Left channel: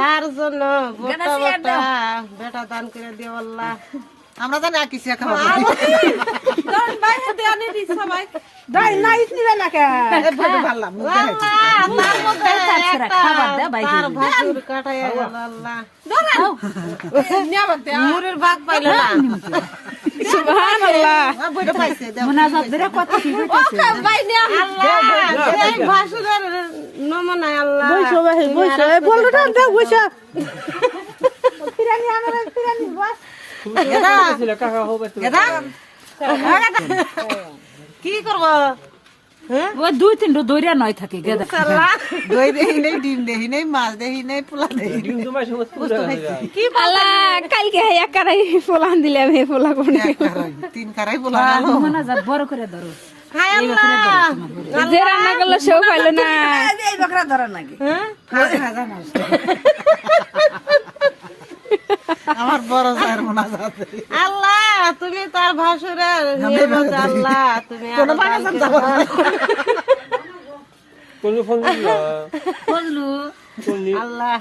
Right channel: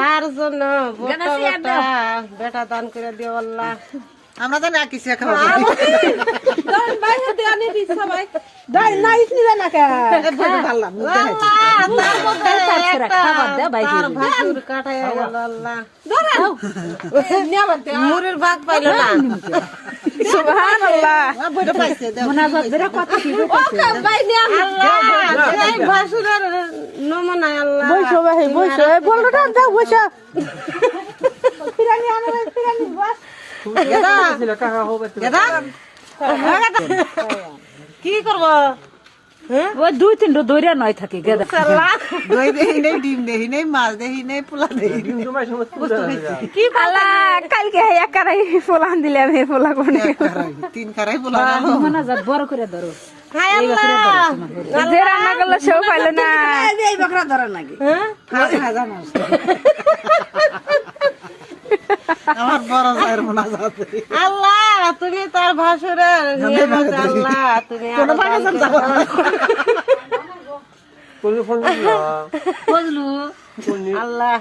তার জন্য বেটা দান করে দিও আল্লাহ। আমরা জানি আর কিছু খাবো মুড়ির ভাগ পাইল না। সুবহানাল্লাহ। ভাসুরের নমুনায় আল্লাহ বইসো ভাই বইসো, এই বলটা দাও বইসো। ফিরানি আমার ফিরানি বাস কি করবো? ওই 2-3টা দইরা নয় থাকে গেদা। দই দেখি নাই, ডিম দেখি নাই, মাছ দেখি নাই, পোলা দেখি আল্লাহ কালকে এক কারাই ফোলান দিলাম, হে ফোলা কোন 3 কারাই পোলা মনাজাত বড় করে ধরো। যে রান্না করলো সেও পাইলো না। এই বকরা ধরা নাকি হাজা মাছ আমার বড় জায়ের মোনাজাত। আল্লাহ তুমি তার ভাসুরের নিয়ামত আল্লাহ তুমি বললু আল্লাহ